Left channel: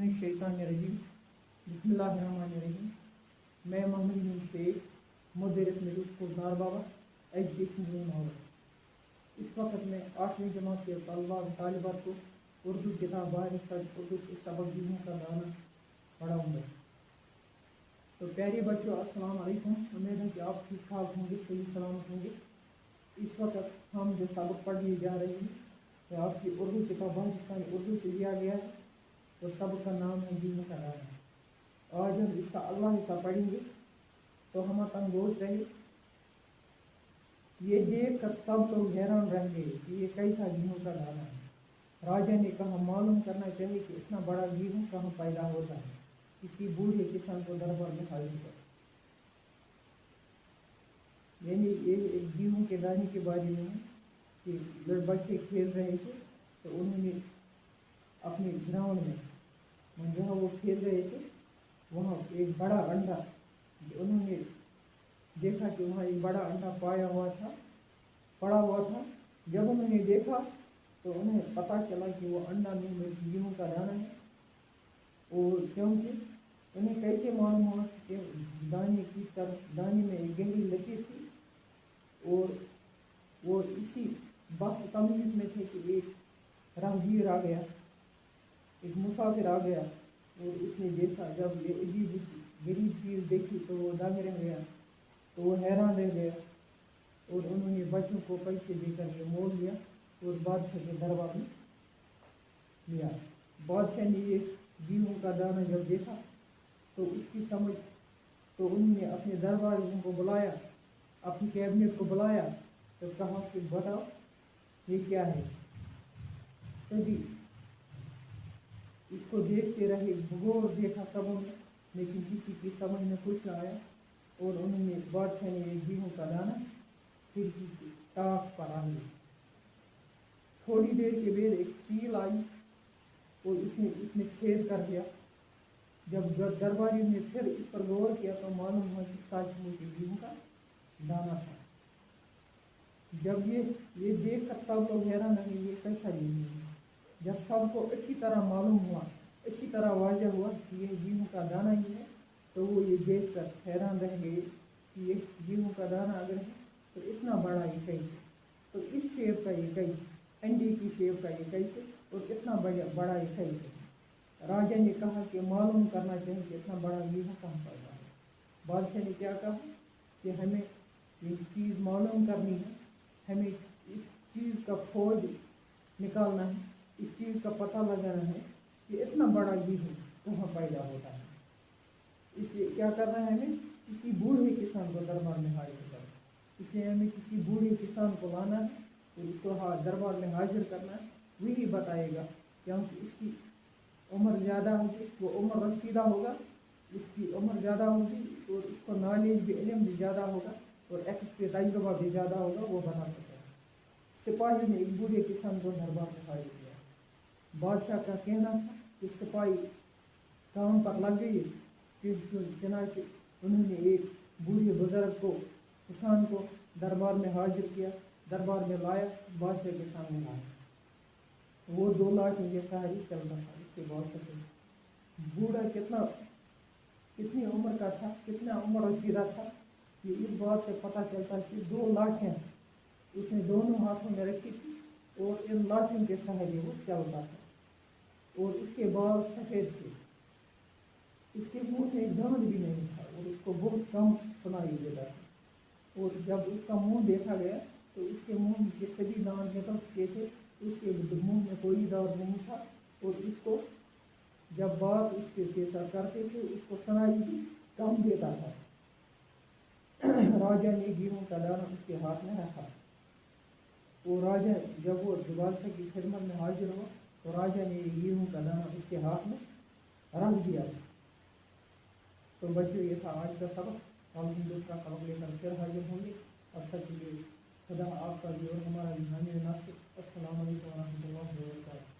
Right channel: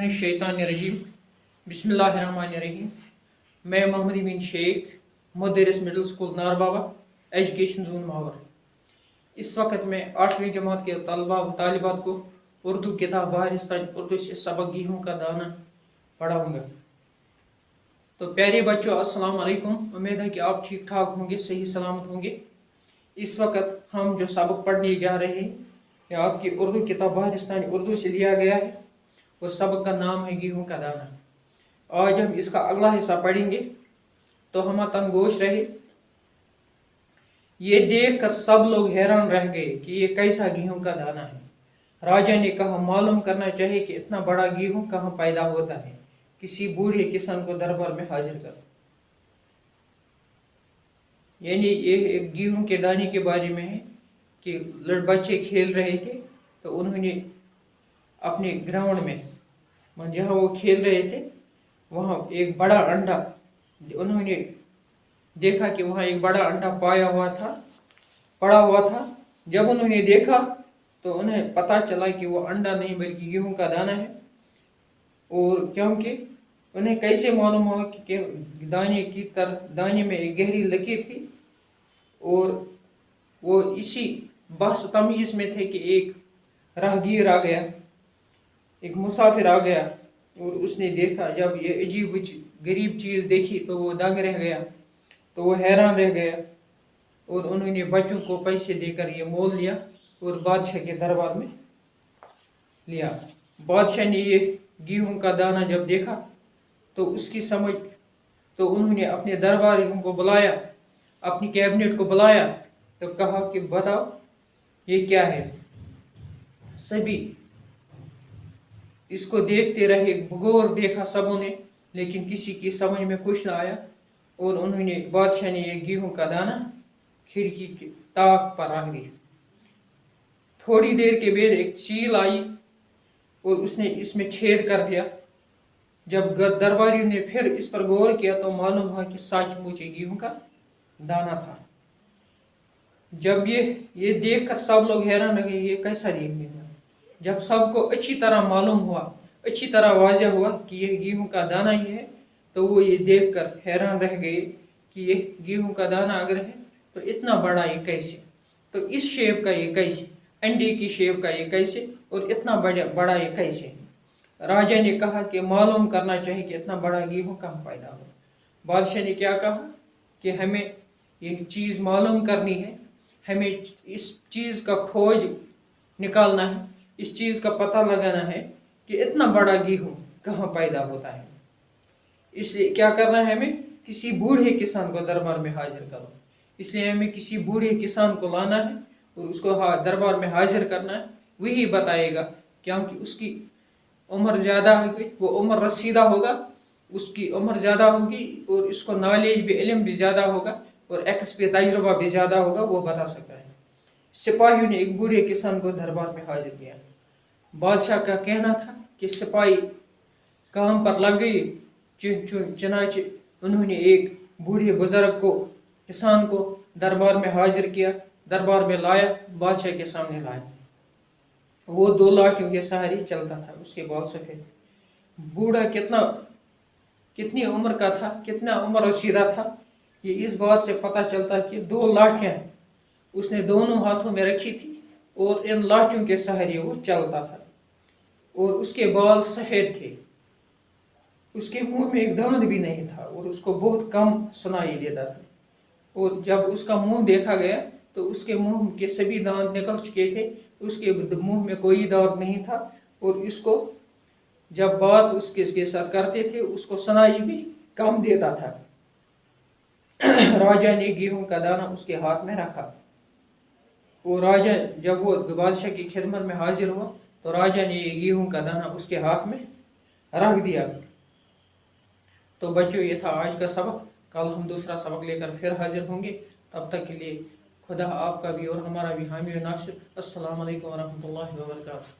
बिस्मिल्लाहिर्रहमानिर्रहीम। बिस्मिल्लाहिर्रहमानिर्रहीम। मैं Mohammad Amin Shaikh, Madras middle school Narbawa, education zone Mawar. इस वक्त मैं 8वीं जमात के तलबा व तालिबात को उर्दू किताब बारिस्तान उर्दू से सबक गेहूँ का दाना पढ़ाऊँगा। तो प्यारे बच्चों, अस्सलाम वालेकुम। उम्मीद है कि आप ठीक ठाक होंगे, सही सलामत होंगे। इस वक्त हम जो सबक पढ़ने जा रहे हैं ये आपकी उर्दू किताब बारिस्तान उर्दू से लिया गया है और सबक का नाम है गेहूँ का दाना। आज हम इसका अगला हिस्सा पढ़ेंगे, तो हम तनगोश रहे। ये देख कर सब लोग हैरान रह गए कि ये कैसा गेहूँ का दाना है। राजा ने कहा, मालूम करना चाहिए कि इतना बड़ा गेहूँ कहाँ पैदा होता है। किसी बूढ़े किसान को दरबार में हाजिर कर। यानी ये एक गेहूँ के दाने के बारे में है कि बच्चे खेल रहे थे, तो उन्होंने अपने ग्राउंड में जहाँ वो खेल रहे थे वहाँ एक बड़ा अंडा, उन्होंने देखा कि वहाँ एक बड़ा अंडा पड़ा हुआ था। जब उन्होंने देखा तो उन्हें पता चला कि वो अंडा नहीं बल्कि गेहूँ का दाना है। और क्योंकि उन्हें कैसे मालूम हुआ कि दाने में एक गहरी लकीर थी, और वो इसी बहस तमीज़ में थे कि एक राहगीर आ गया, एक मुसाफिर आ गया, और उसने देखा। जब ये अजीब गरीब चीज़ देखी तो वो दंग रह गया, तो वो हैरान रह गया, और उन्होंने बच्चों को पैसे देकर ये मोल लिया और बादशाह के दरबार में लिया। बादशाह ने ये गेहूं का दाना जब देखा तो उसकी समझ, तो उन्होंने अपने दरबारियों को बुलाया, अपनी कैबिनेट को बुलाया, तो कहा कि बताओ ये क्या है। सभी इसको देखते रहे, गौर देखा सबों ने, लेकिन किसी की समझ में कुछ ना आया। और उन्होंने बादशाह ने ये गेहूं का दाना खिड़की के ताक पर रख दिया। थोड़ी देर के बाद एक चील आई और उसने इसमें छेद कर दिया। जब दरबारियों ने फिर इस पर गौर किया तो मालूम हुआ कि सचमुच गेहूं का दाना था। जब ये देखकर सब लोग हैरान रह गए, ये कैसा गेहूं है। जब सबको अच्छी तरह मालूम हुआ, अच्छी तरह वाज़ेह हुआ कि यह गेहूं का दाना ही है, तो वो ये देखकर हैरान रह गए कि यह गेहूं का दाना अगर है तो इतना बड़ा ये कैसे, तो इस शेप का ये कैसे, अंडे की शेप का ये कैसे, और इतना बड़ा ये कैसे। राजा ने कहा कि मालूम करना चाहिए कि इतना बड़ा गेहूं कहाँ पैदा हो। बादशाह ने क्या कहा कि हमें ये चीज़ मालूम करनी है, हमें इस चीज़ का खोज निकालना है, इस चीज़ का पता लगाना है कि इतना बड़ा गेहूं कहाँ पैदा होता है। इसलिए क्या करना है, हमें किसी बूढ़े किसान को दरबार में हाजिर करना। इसलिए हमें किसी बूढ़े किसान को लाना है और उसको दरबार में हाजिर करना है। वही बताएगा, क्योंकि उसकी उम्र ज़्यादा होगी, वो उम्र रसीदा होगा, उसकी उम्र ज़्यादा होगी, और इसको नॉलेज भी, इल्म भी ज़्यादा होगा, और तजुर्बा भी ज़्यादा होगा, वो बता सकता है। सिपाहियों ने एक बूढ़े किसान को दरबार में हाजिर किया। बादशाह का कहना था कि सिपाही काम पर लग गए, चुनाचे उन्होंने एक बूढ़े बुजुर्ग को, किसान को दरबार में हाजिर किया, दरबार में लाया, बादशाह के सामने लाया। वो 2 लाठियों के सहारे चलता था, उसके बाल सफेद। बूढ़ा कितनी उम्र का था, कितना उम्र रसीदा था, ये इस बात से पता चलता है कि 2 लाठियां उसने दोनों हाथों में रखी थी और इन लाठियों के सहारे वो चलता था, और उसके बाल सफेद थे। उसके मुंह में एक दांत भी नहीं था और उसको बहुत कम सुनाई देता था। और जब उसका मुंह देखा गया तो उसके मुंह के सभी दांत निकल चुके थे, उसके मुंह में कोई दांत नहीं था, और इसको जब बात उसके साथ करते थे उसको सुनाई भी कम देता था। राजा ने गेहूं का दाना उसके हाथ में रखा, और राजा जब वो बादशाह की खिदमत में हाजिर हुआ तो राजा ने ये गेहूं का दाना उसके हाथ में रख दिया। तो बच्चों, ये था आज का सबक। कल हम दूसरा सबक लेकर फिर हाजिर होंगे। तब तक के लिए खुदा आपका भी और हमारा भी हामी व नासिर। अस्सलाम वालेकुम व रहमतुल्लाहि व बरकातहू।